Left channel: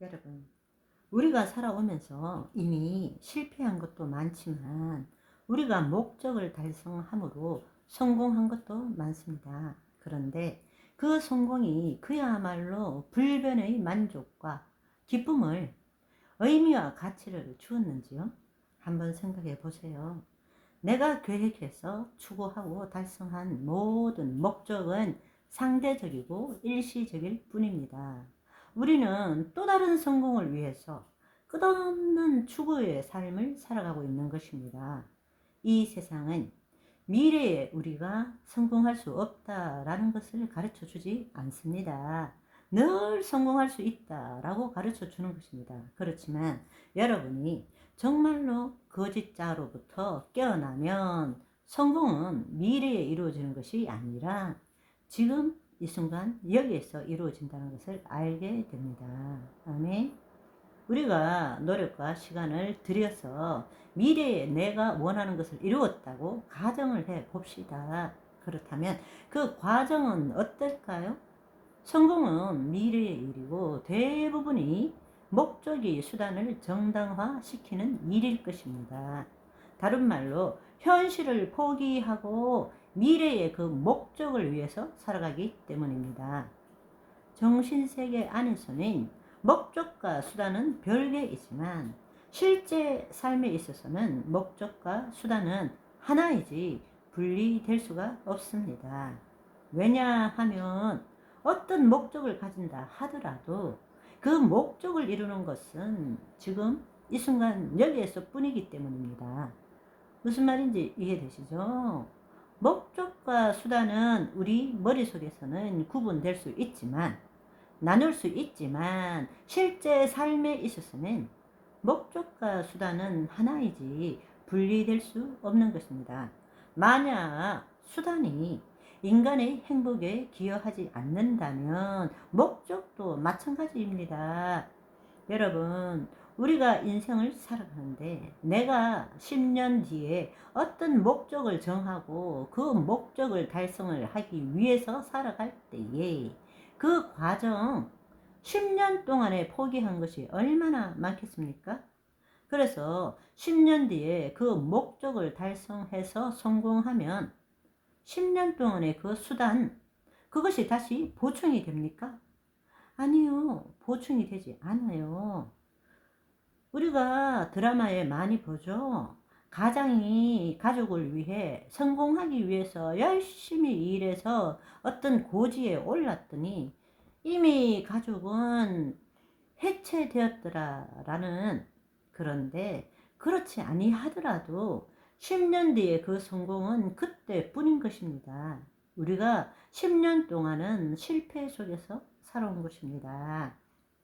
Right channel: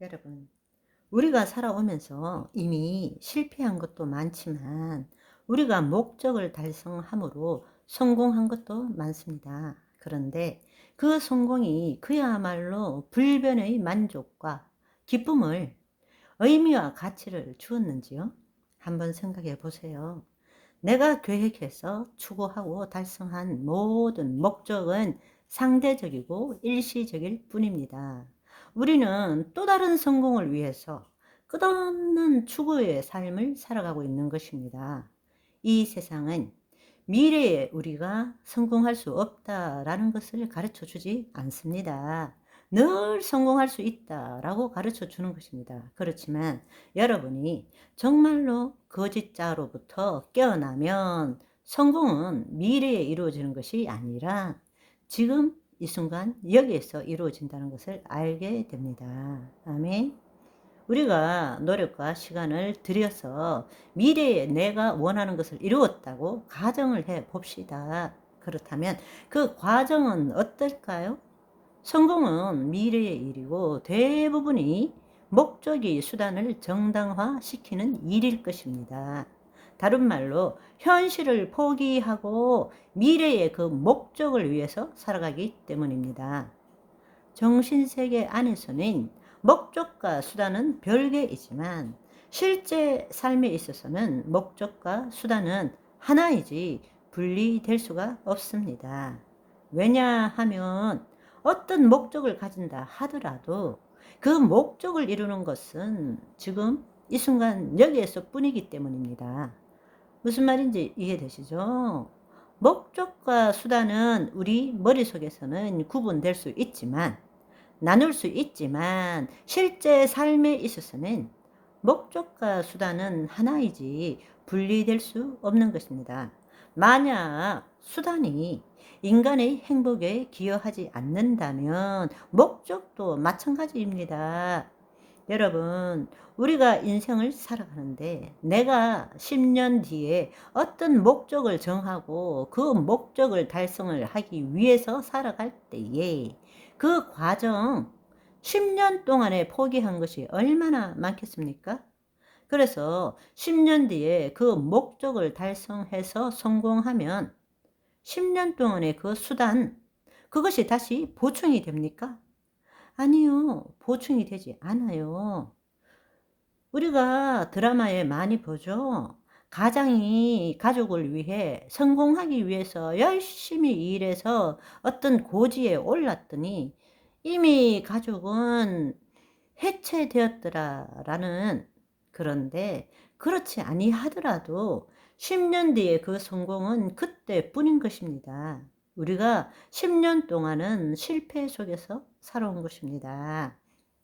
여러분, 우리가 살아오면서 이미 실패한 것도 많지만 우리가 목적을 달성함으로 성공한 것도 많습니다. 그런데 그 성공이 그야말로 불변의 만족과 기쁨을, 의미와 가치를 주었는지요? 한번 생각해 보세요. 내가 계획해서 추구하고 달성한 모든 목적은 상대적이고 일시적일 뿐입니다. 우리는 또 다른 성공을 위해서 끝없는 추구의 삶을 살아가고 있는 것입니다. 이 세상은 미래에 우리가 성공할 수 없다라는 것을 가르쳐 주지 않습니다. 늘 성공할 수 있다라고 가르쳐 주는 것입니다. 그렇지만 여러분이 정말로 거짓자로부터 깨어나면 성공은 미래에 이루어지는 것이 아니라 지금 이 순간 여기에서 이루어진다는 것을 알게 됩니다. 아멘. 우리가 노력과 시간을 들여서 미래에 내가 원하는 것을 이루었다고 가정을 해 봅시다. 그렇다면 그 과정은 어떨까요? 성공은 미래의 일이고 대부분이 목적이 수단을 정당화시키는 일일 것입니다. 다른 말로 현실을 포기하고 미래의 그 목적을 위해서 살아가기 때문입니다. 정신세계 안에서는 목적과 수단은 별개이지만 실제 삶에 있어서는 목적과 수단은 하나이지 분리될 수가 없습니다. 왜냐하면 어떤 목적을 가진다 하더라도 그 목적을 이루는 것은 지금 이 순간 여기에서 뿐이기 때문입니다. 무슨 말인지 이해되시죠? 목적과 수단은 우리 머릿속에서는 구분될 수 있지만 나눌 수 있지만 실제 삶에 있어서는 목적과 수단은 하나이지 분리될 수 없는 것입니다. 만약 수단이 인간의 행복에 기여하지 않는다면 목적도 마찬가지입니다. 여러분, 우리가 인생을 살아가는데 내가 10년 뒤에 어떤 목적을 정하고 그 목적을 달성을 하기 위해서 살아갈 때에 그 과정 10년 동안에 포기한 것이 얼마나 많겠습니까? 그래서 10년 뒤에 그 목적을 달성해서 성공하면 10년 동안의 그 수단, 그것이 다시 보충이 됩니까? 아니요, 보충이 되지 않아요. 우리가 드라마에 많이 보죠. 가장이 가족을 위해 성공하기 위해서 열심히 일해서 어떤 고지에 올랐더니 이미 가족은 해체되었더라라는. 그런데 그렇지 아니하더라도 10년 뒤에 그 성공은 그때뿐인 것입니다. 우리가 10년 동안은 실패 속에서 살아온 것입니다.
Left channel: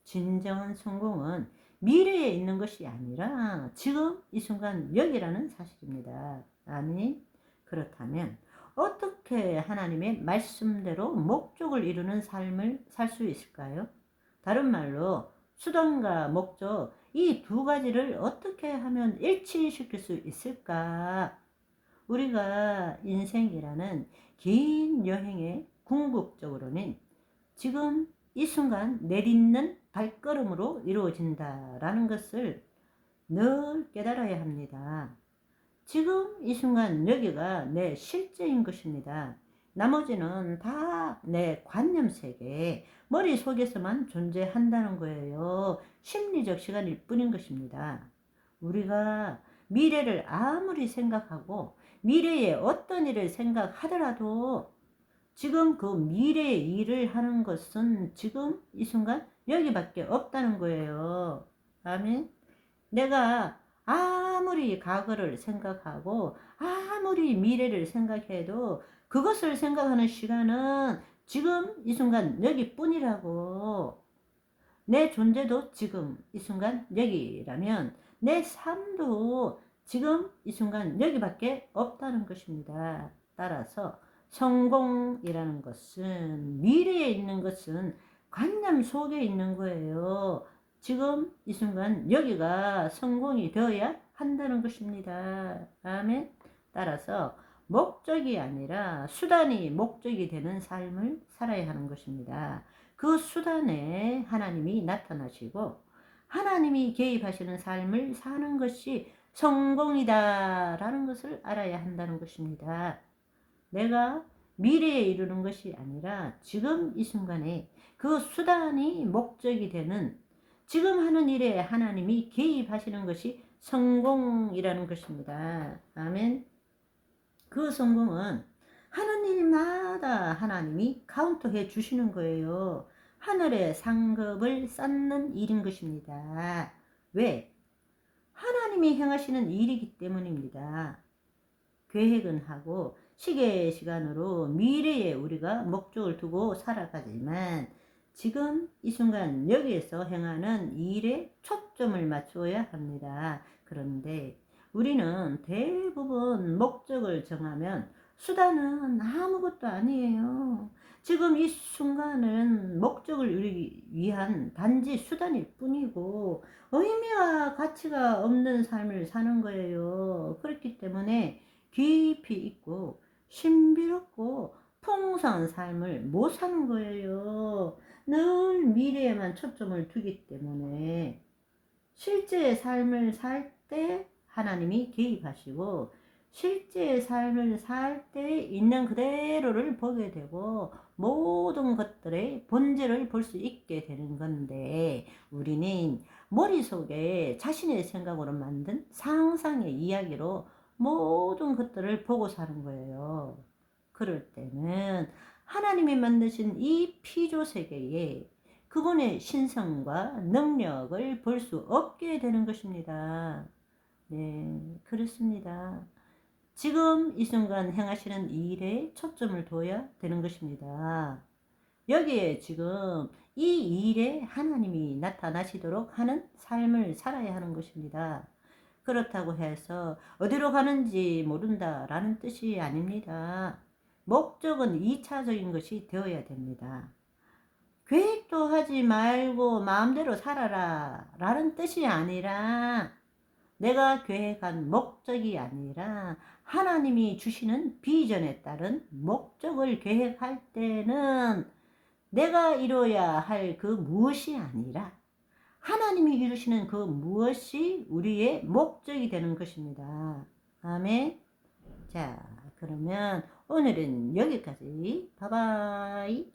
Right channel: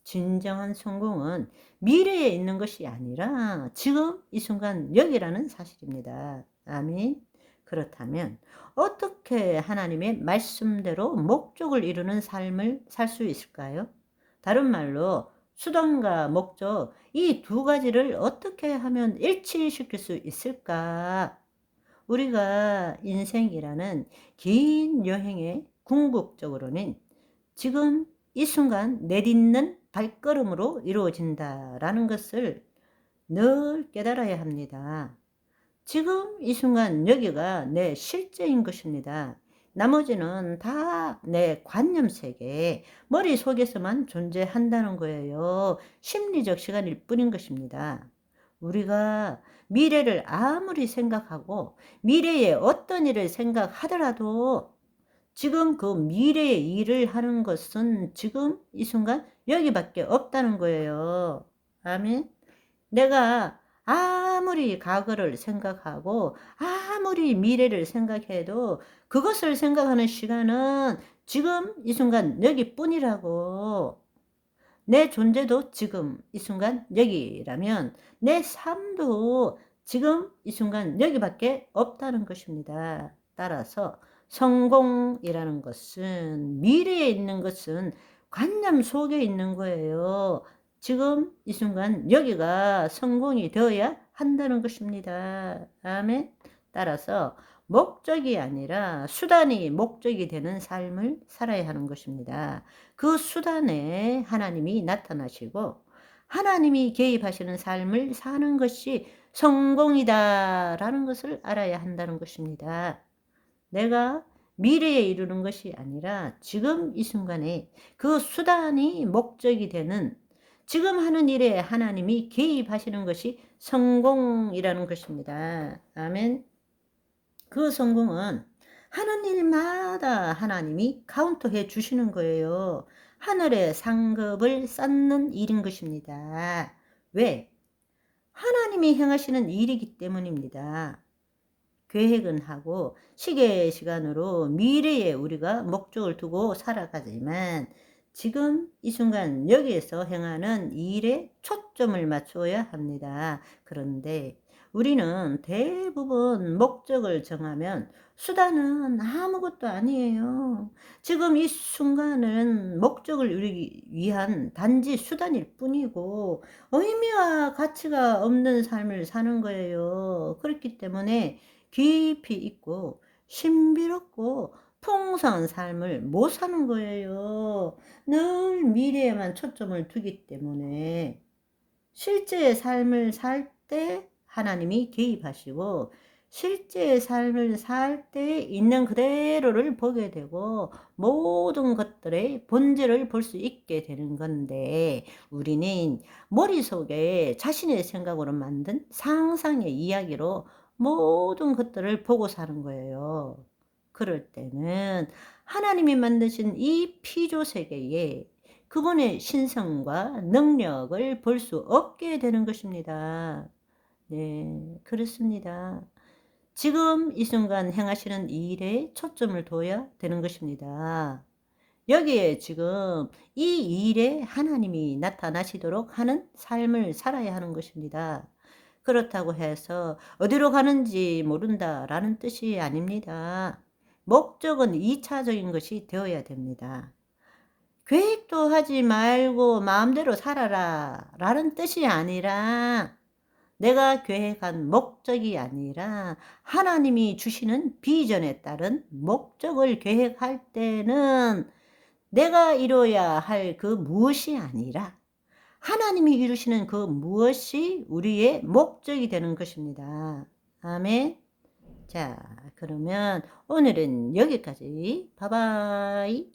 진정한 성공은 미래에 있는 것이 아니라 지금 이 순간 여기라는 사실입니다. 아멘. 그렇다면 어떻게 하나님의 말씀대로 목적을 이루는 삶을 살 수 있을까요? 다른 말로 수단과 목적, 이 두 가지를 어떻게 하면 일치시킬 수 있을까? 우리가 인생이라는 긴 여행의 궁극적으로는 지금 이 순간 내딛는 발걸음으로 이루어진다라는 것을 늘 깨달아야 합니다. 지금 이 순간 여기가 내 실제인 것입니다. 나머지는 다 내 관념 세계, 머릿속에서만 존재한다는 거예요. 심리적 시간일 뿐인 것입니다. 우리가 미래를 아무리 생각하고 미래에 어떤 일을 생각하더라도 지금 그 미래의 일을 하는 것은 지금 이 순간 여기밖에 없다는 거예요. 아멘. 내가 아무리 과거를 생각하고 아무리 미래를 생각해도 그것을 생각하는 시간은 지금 이 순간 여기뿐이라고. 내 존재도 지금 이 순간 여기라면 내 삶도 지금 이 순간 여기밖에 없다는 것입니다. 따라서 성공이라는 것은, 미래에 있는 것은 관념 속에 있는 거예요. 지금 이 순간 여기가 성공이 되어야 한다는 것입니다. 아멘. 따라서 목적이 아니라 수단이 목적이 되는 삶을 살아야 하는 것입니다. 그 수단에 하나님이 나타나시고 하나님이 개입하시는 삶을 사는 것이 성공이다라는 것을 알아야 한다는 것입니다. 내가 미래에 이루는 것이 아니라 지금 이 순간에 그 수단이 목적이 되는 지금 하는 일에 하나님이 개입하시는 것이 성공이라는 것입니다. 아멘. 그 성공은 하는 일마다 하나님이 카운터해 주시는 거예요. 하늘의 상급을 쌓는 일인 것입니다. 왜? 하나님이 행하시는 일이기 때문입니다. 계획은 하고 시계시간으로 미래에 우리가 목적을 두고 살아가지만 지금 이 순간 여기에서 행하는 일에 초점을 맞춰야 합니다. 그런데 우리는 대부분 목적을 정하면 수단은 아무것도 아니에요. 지금 이 순간은 목적을 이루기 위한 단지 수단일 뿐이고 의미와 가치가 없는 삶을 사는 거예요. 그렇기 때문에 깊이 있고 신비롭고 풍성한 삶을 못 사는 거예요. 늘 미래에만 초점을 두기 때문에 실제의 삶을 살 때 하나님이 개입하시고 실제의 삶을 살 때 있는 그대로를 보게 되고 모든 것들의 본질을 볼 수 있게 되는 건데 우리는 머릿속에 자신의 생각으로 만든 상상의 이야기로 모든 것들을 보고 사는 거예요. 그럴 때는 하나님이 만드신 이 피조 세계에 그분의 신성과 능력을 볼 수 없게 되는 것입니다. 네, 그렇습니다. 지금 이 순간 행하시는 일에 초점을 둬야 되는 것입니다. 여기에 지금 이 일에 하나님이 나타나시도록 하는 삶을 살아야 하는 것입니다. 그렇다고 해서 어디로 가는지 모른다라는 뜻이 아닙니다. 목적은 2차적인 것이 되어야 됩니다. 계획도 하지 말고 마음대로 살아라 라는 뜻이 아니라 내가 계획한 목적이 아니라 하나님이 주시는 비전에 따른 목적을 계획할 때는 내가 이뤄야 할 그 무엇이 아니라 하나님이 이루시는 그 무엇이 우리의 목적이 되는 것입니다. 아멘. 자, 그러면 오늘은 여기까지. 바이바이.